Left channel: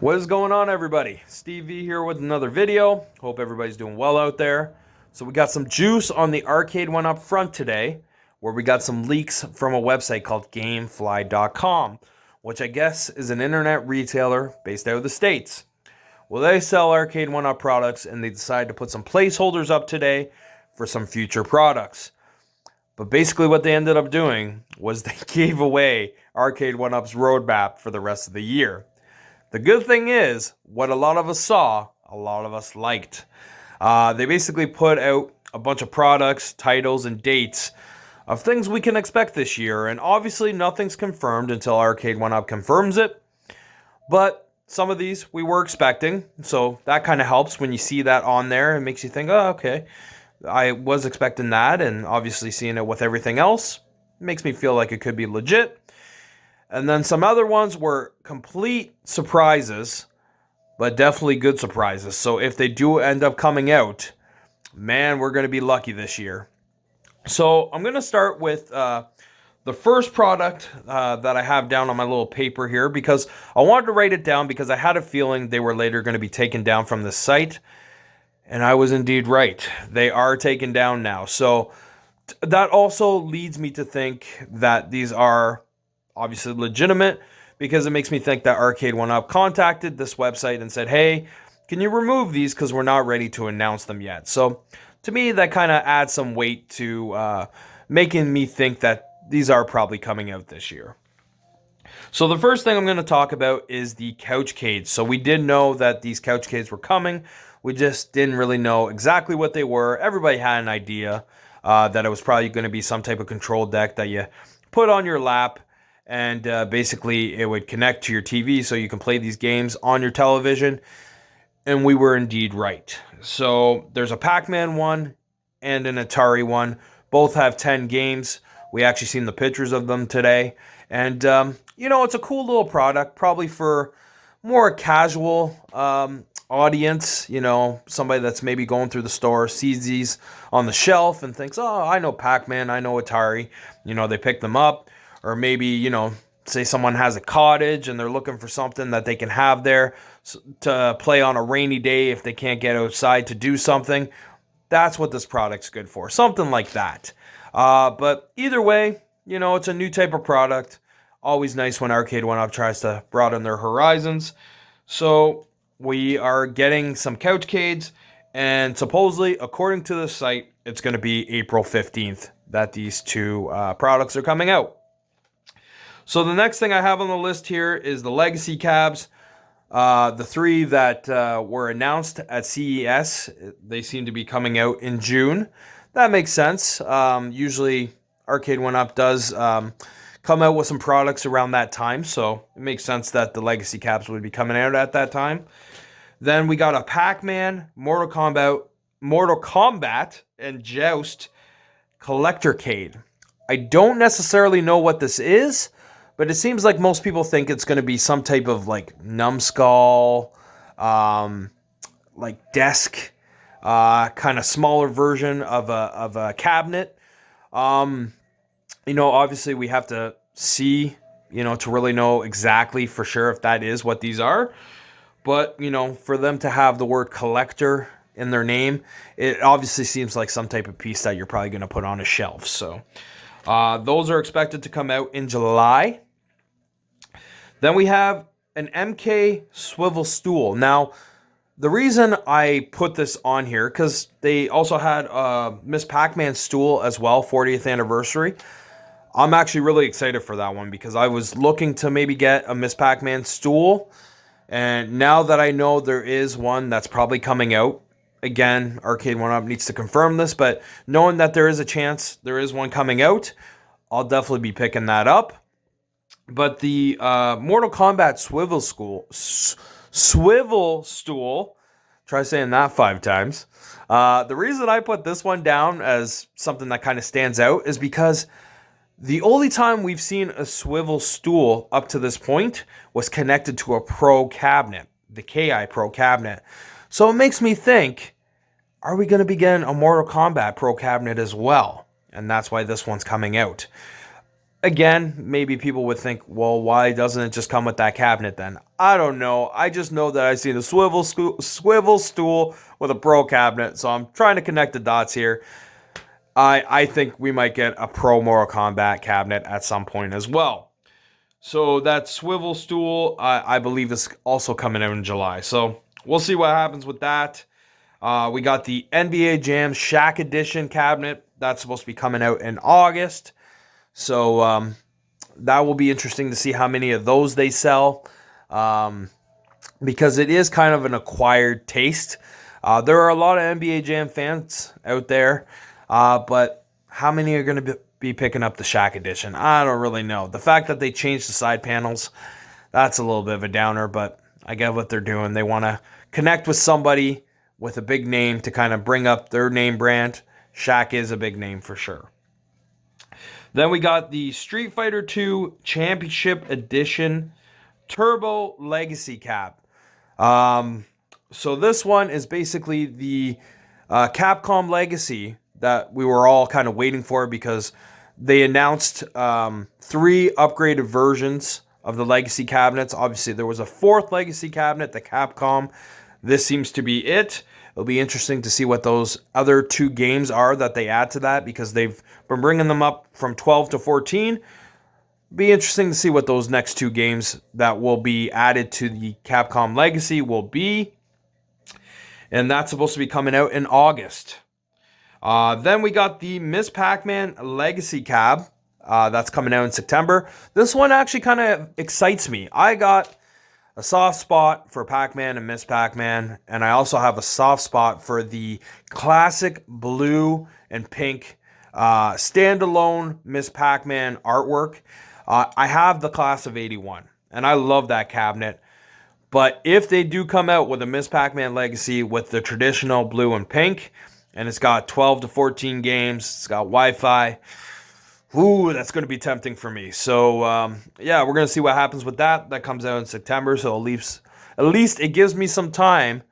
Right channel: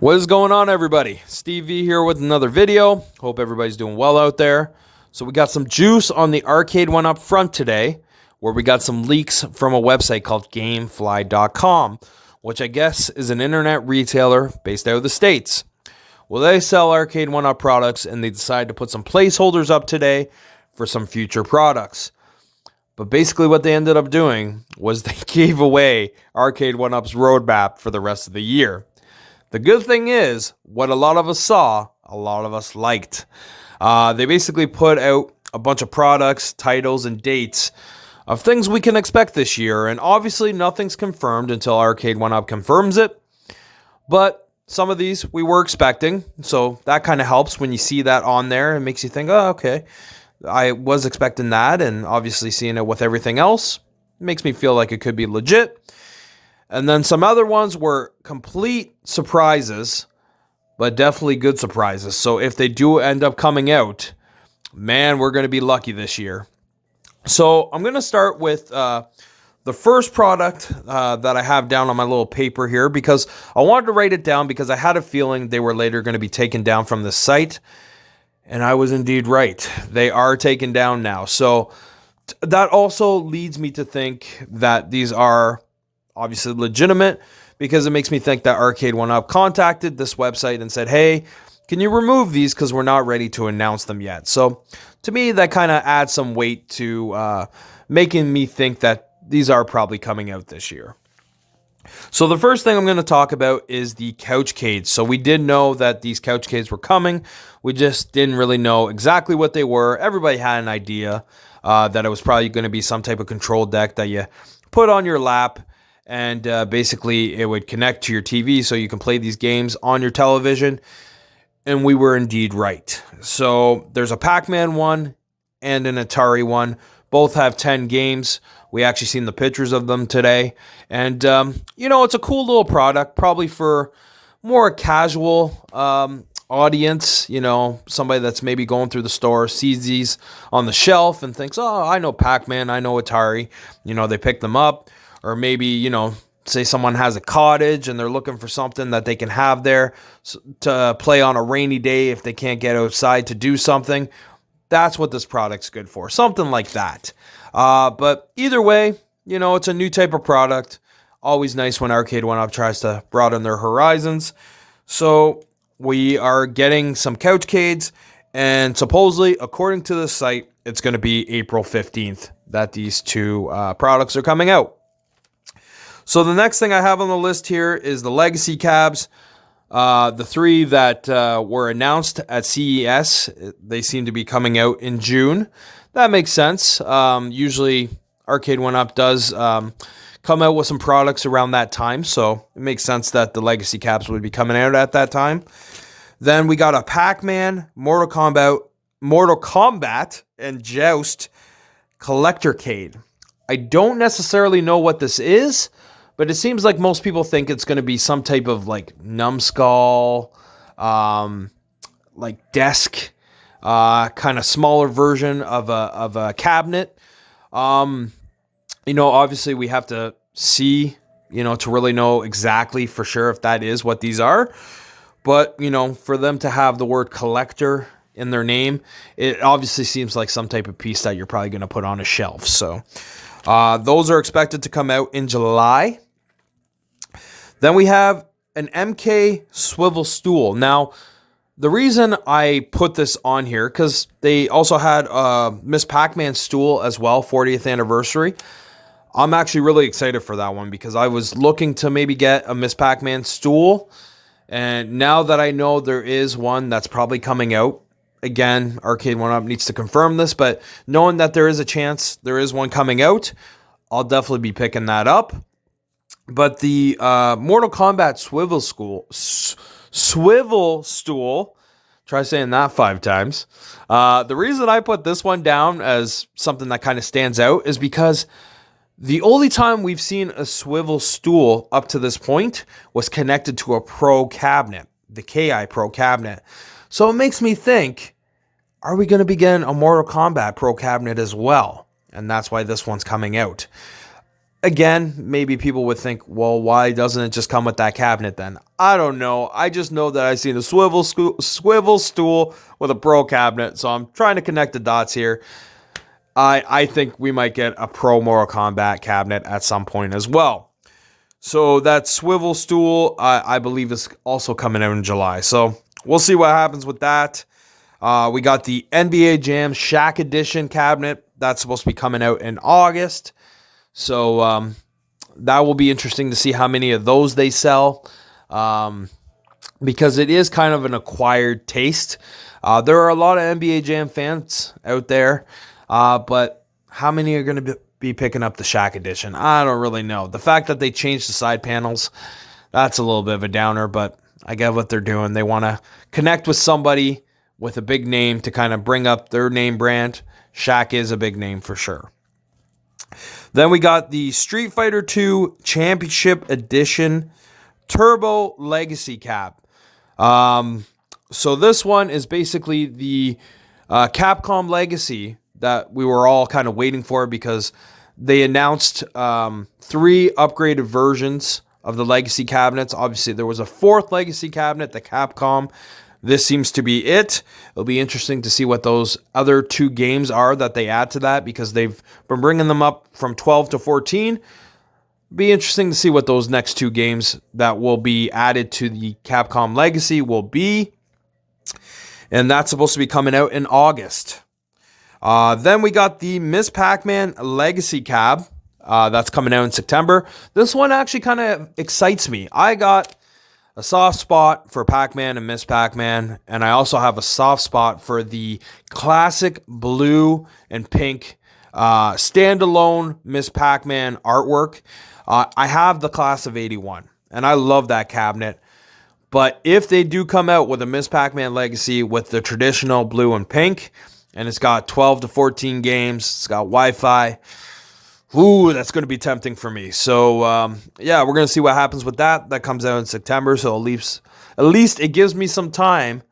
What is going on, everybody? Steve V here with another video. Hope everybody's doing well out there. So we got some juice on the Arcade1Up front today, where we got some leaks from a website called Gamefly.com, which I guess is an internet retailer based out of the States. Well, they sell Arcade1Up products, and they decided to put some placeholders up today for some future products. But basically what they ended up doing was they gave away Arcade1Up's roadmap for the rest of the year. The good thing is, what a lot of us saw, a lot of us liked. They basically put out a bunch of products, titles, and dates of things we can expect this year. And obviously nothing's confirmed until Arcade1Up confirms it. But some of these we were expecting. So that kind of helps when you see that on there. It makes you think, oh, okay, I was expecting that. And obviously seeing it with everything else makes me feel like it could be legit. And then some other ones were complete surprises, but definitely good surprises. So if they do end up coming out, man, we're going to be lucky this year. So I'm going to start with the first product that I have down on my little paper here, because I wanted to write it down because I had a feeling they were later going to be taken down from the site. And I was indeed right. They are taken down now. So that also leads me to think that these are obviously legitimate, because it makes me think that Arcade1Up contacted this website and said, hey, can you remove these because we're not ready to announce them yet. So to me, that kind of adds some weight to making me think that these are probably coming out this year. So the first thing I'm going to talk about is the Couchcades. So we did know that these Couchcades were coming. We just didn't really know exactly what they were. Everybody had an idea that it was probably going to be some type of control deck that you put on your lap, and basically it would connect to your TV so you can play these games on your television. And we were indeed right. So there's a PacMan one and an Atari one. Both have 10 games. We actually seen the pictures of them today. And, it's a cool little product, probably for more casual audience. Somebody that's maybe going through the store, sees these on the shelf and thinks, oh, I know PacMan, I know Atari. They pick them up. Or maybe, say someone has a cottage and they're looking for something that they can have there to play on a rainy day if they can't get outside to do something. That's what this product's good for. Something like that. But either way, it's a new type of product. Always nice when Arcade1Up tries to broaden their horizons. So we are getting some Couchcades, and supposedly, according to the site, it's going to be April 15th that these two products are coming out. So the next thing I have on the list here is the Legacy cabs. The three that were announced at CES, they seem to be coming out in June. That makes sense. Usually Arcade1Up does come out with some products around that time, so it makes sense that the Legacy cabs would be coming out at that time. Then we got a Pac-Man, Mortal Kombat, and Joust Collectorcade. I don't necessarily know what this is, but it seems like most people think it's going to be some type of numbskull, desk, kind of smaller version of a cabinet. Obviously we have to see, to really know exactly for sure if that is what these are. But, for them to have the word collector in their name, it obviously seems like some type of piece that you're probably going to put on a shelf. So those are expected to come out in July. Then we have an MK Swivel Stool. Now, the reason I put this on here, because they also had Miss Pac-Man stool as well, 40th anniversary. I'm actually really excited for that one because I was looking to maybe get a Miss Pac-Man stool. And now that I know there is one that's probably coming out, again, Arcade1Up needs to confirm this, but knowing that there is a chance there is one coming out, I'll definitely be picking that up. But the Mortal Kombat Swivel Stool, try saying that 5 times. The reason I put this one down as something that kind of stands out is because the only time we've seen a swivel stool up to this point was connected to a Pro cabinet, the KI Pro cabinet. So it makes me think, are we going to be getting a Mortal Kombat Pro cabinet as well? And that's why this one's coming out. Again, maybe people would think, well, why doesn't it just come with that cabinet then? I don't know. I just know that I've seen a swivel stool with a Pro cabinet, so I'm trying to connect the dots here. I think we might get a Pro Mortal Kombat cabinet at some point as well. So that Swivel Stool, I believe, is also coming out in July. So we'll see what happens with that. We got the NBA Jam Shaq Edition cabinet. That's supposed to be coming out in August. So that will be interesting to see how many of those they sell, because it is kind of an acquired taste. There are a lot of NBA Jam fans out there, but how many are going to be picking up the Shaq Edition? I don't really know. The fact that they changed the side panels, that's a little bit of a downer, but I get what they're doing. They want to connect with somebody with a big name to kind of bring up their name brand. Shaq is a big name for sure. Then we got the Street Fighter 2 Championship Edition Turbo Legacy Cap. So this one is basically the Capcom Legacy that we were all kind of waiting for, because they announced 3 upgraded versions of the Legacy cabinets. Obviously, there was a 4th Legacy cabinet, the Capcom. This seems to be it. It'll be interesting to see what those other 2 games are that they add to that, because they've been bringing them up from 12 to 14. Be interesting to see what those next 2 games that will be added to the Capcom Legacy will be. And that's supposed to be coming out in August. Then we got the Miss PacMan Legacy Cab. That's coming out in September. This one actually kind of excites me. I got a soft spot for Pac-Man and Miss Pac-Man, and I also have a soft spot for the classic blue and pink standalone Miss Pac-Man artwork. I have the class of 81, and I love that cabinet. But if they do come out with a Miss Pac-Man Legacy with the traditional blue and pink, and it's got 12 to 14 games, it's got Wi-Fi, ooh, that's going to be tempting for me. So, yeah, we're going to see what happens with that. That comes out in September, so at least it gives me some time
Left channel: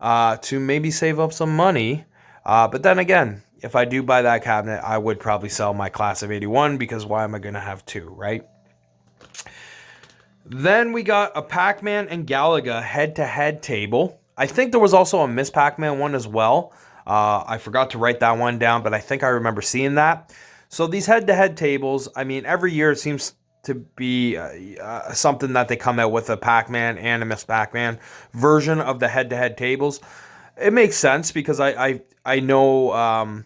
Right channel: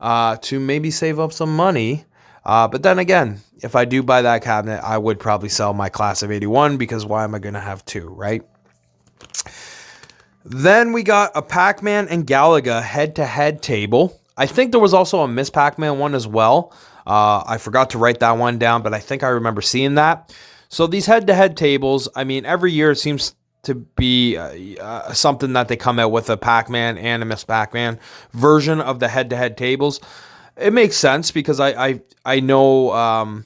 to maybe save up some money. But then again, if I do buy that cabinet, I would probably sell my class of 81, because why am I going to have 2, right? Then we got a PacMan and Galaga head-to-head table. I think there was also a Miss Pac-Man one as well. I forgot to write that one down, but I think I remember seeing that. So these head-to-head tables, I mean, every year it seems to be something that they come out with, a Pac-Man and a Miss Pac-Man version of the head-to-head tables. It makes sense, because I know,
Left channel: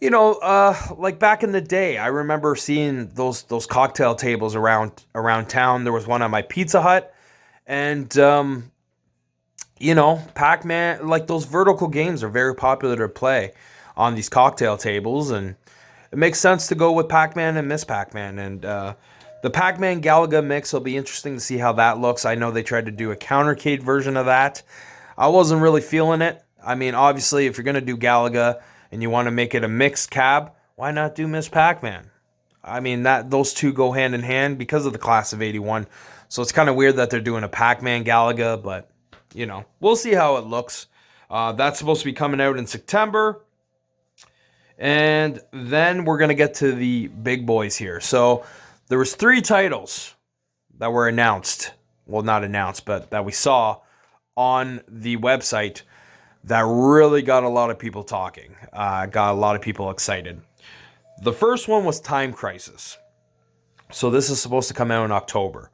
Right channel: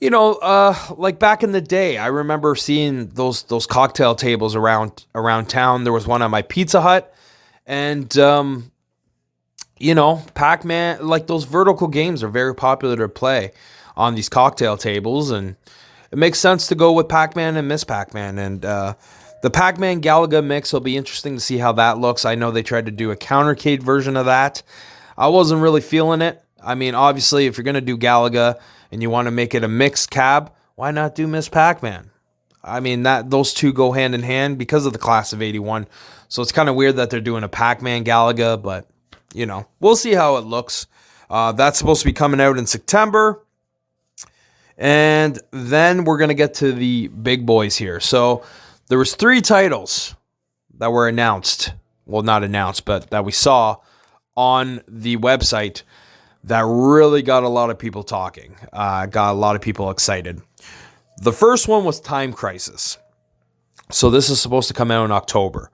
like back in the day, I remember seeing those cocktail tables around town. There was one on my Pizza Hut, and Pac-Man, like those vertical games are very popular to play on these cocktail tables, and it makes sense to go with Pac-Man and Miss Pac-Man. And the PacMan Galaga mix will be interesting to see how that looks. I know they tried to do a Countercade version of that. I wasn't really feeling it. I mean, obviously, if you're going to do Galaga and you want to make it a mixed cab, why not do Miss Pac-Man? I mean, those 2 go hand in hand because of the class of 81. So it's kind of weird that they're doing a PacMan Galaga, but, we'll see how it looks. That's supposed to be coming out in September. And then we're going to get to the big boys here. So there was 3 titles that were announced. Well, not announced, but that we saw on the website that really got a lot of people talking. Got a lot of people excited. The first one was Time Crisis. So this is supposed to come out in October.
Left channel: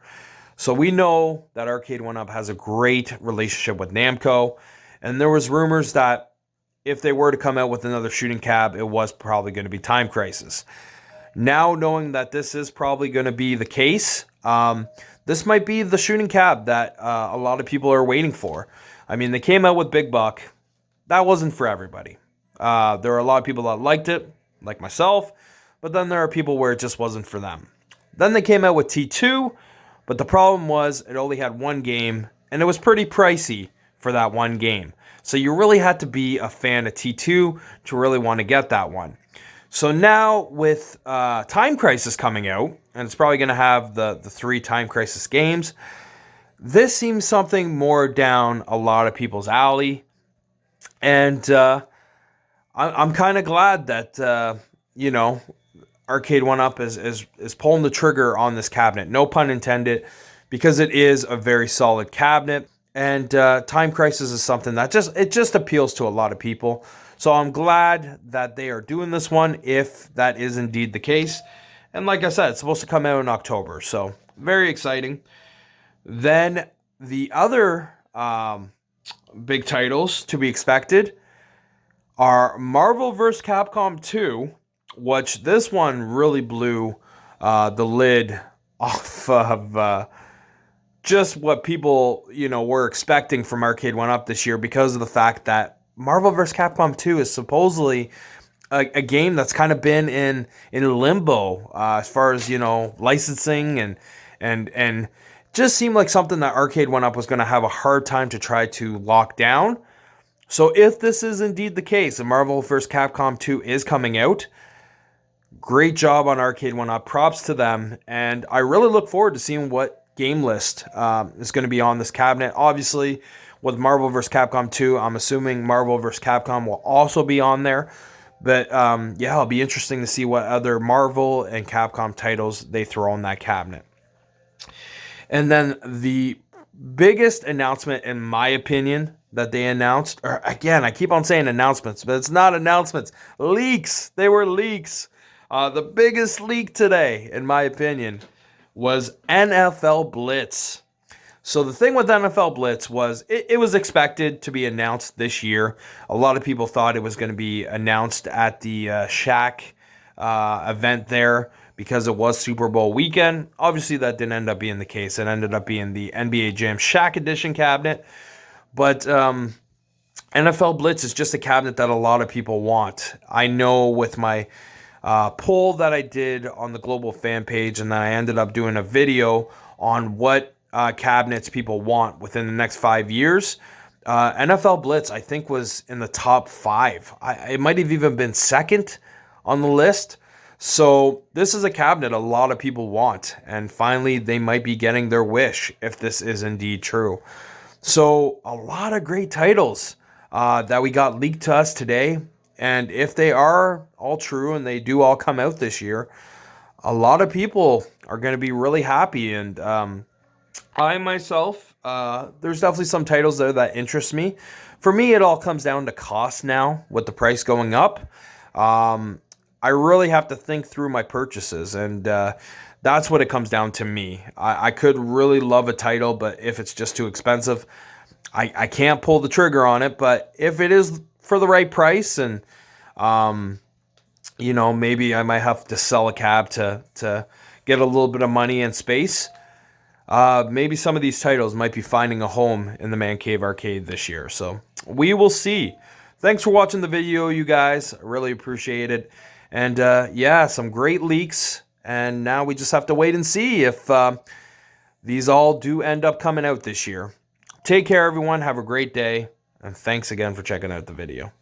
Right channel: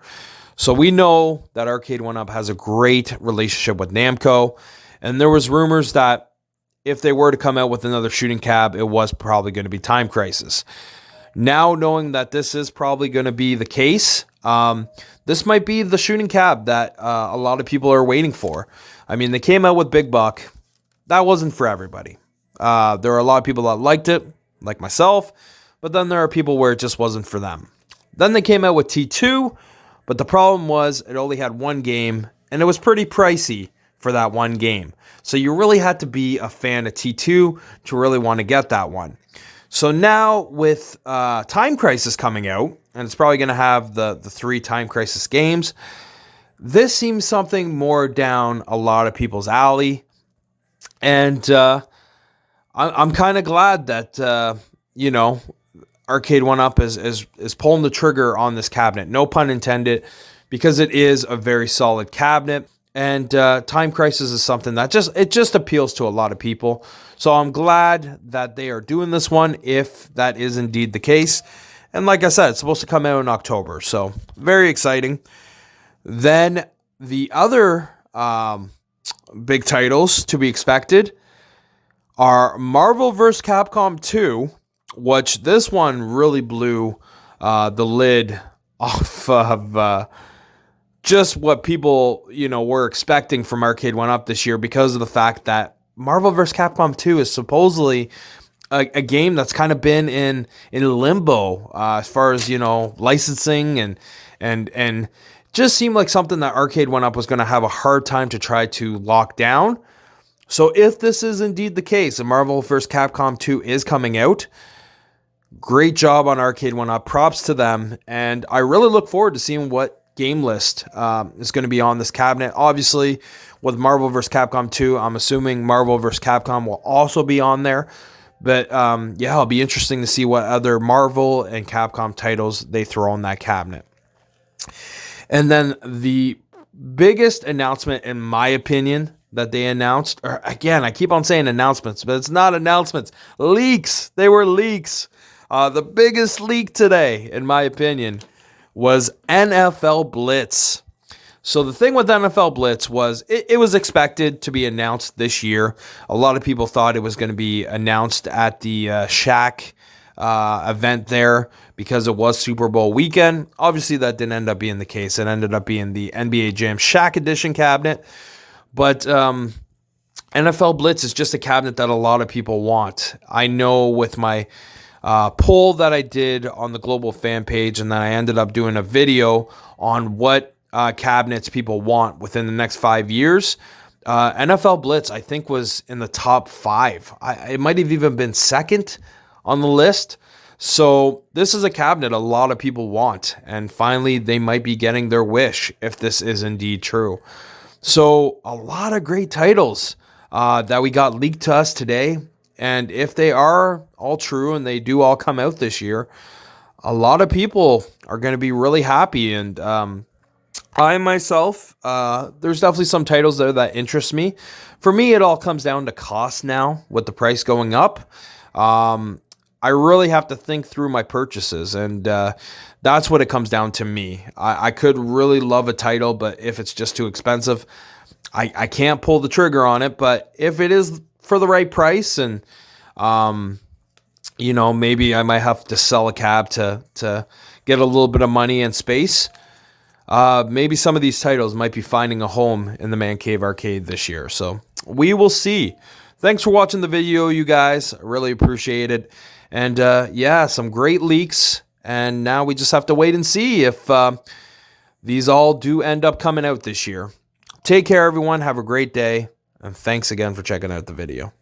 So we know that Arcade1Up has a great relationship with Namco. And there was rumors that if they were to come out with another shooting cab, it was probably going to be Time Crisis. Now, knowing that this is probably going to be the case, this might be the shooting cab that a lot of people are waiting for. I mean, they came out with Big Buck. That wasn't for everybody. There are a lot of people that liked it, like myself, but then there are people where it just wasn't for them. Then they came out with T2, but the problem was it only had 1 game, and it was pretty pricey for that 1 game. So you really had to be a fan of T2 to really want to get that one. So now with Time Crisis coming out, and it's probably going to have the 3 Time Crisis games, this seems something more down a lot of people's alley. And I'm kind of glad that, Arcade1Up is pulling the trigger on this cabinet. No pun intended, because it is a very solid cabinet. And Time Crisis is something that just appeals to a lot of people. So I'm glad that they are doing this one, if that is indeed the case. And like I said, it's supposed to come out in October. So very exciting. Then the other big titles to be expected are Marvel vs. Capcom 2, which this one really blew the lid off of just what people, were expecting from Arcade1Up this year, because of the fact that Marvel vs. Capcom 2 is supposedly a game that's kind of been in limbo as far as, licensing and just seemed like something that Arcade1Up was going to have a hard time to try to lock down. So if this is indeed the case, and Marvel vs. Capcom 2 is coming out, great job on Arcade1Up. Props to them. And I really look forward to seeing what game list is going to be on this cabinet. Obviously, with Marvel vs. Capcom 2, I'm assuming Marvel vs. Capcom will also be on there. But yeah, it'll be interesting to see what other Marvel and Capcom titles they throw on that cabinet. And then the biggest announcement, in my opinion, that they announced, or again, I keep on saying announcements, but it's not announcements, leaks. They were leaks. The biggest leak today, in my opinion, was NFL Blitz. So the thing with NFL Blitz was it was expected to be announced this year. A lot of people thought it was going to be announced at the Shaq event there, because it was Super Bowl weekend. Obviously, that didn't end up being the case. It ended up being the NBA Jam Shaq Edition cabinet. But NFL Blitz is just a cabinet that a lot of people want. I know with my poll that I did on the Global Fan Page, and then I ended up doing a video on what cabinets people want within the next 5 years. NFL Blitz, I think, was in the top 5. It might have even been second on the list. So this is a cabinet a lot of people want, and finally they might be getting their wish if this is indeed true. So a lot of great titles that we got leaked to us today, and if they are all true and they do all come out this year, a lot of people are going to be really happy. And I myself, there's definitely some titles there that interest me. For me, it all comes down to cost now, with the price going up. I really have to think through my purchases, and that's what it comes down to me. I could really love a title, but if it's just too expensive, I can't pull the trigger on it. But if it is for the right price, and maybe I might have to sell a cab to get a little bit of money and space, maybe some of these titles might be finding a home in the Man Cave Arcade this year. So we will see. Thanks for watching the video, you guys. I really appreciate it. And yeah, some great leaks. And now we just have to wait and see if these all do end up coming out this year. Take care, everyone. Have a great day. And thanks again for checking out the video.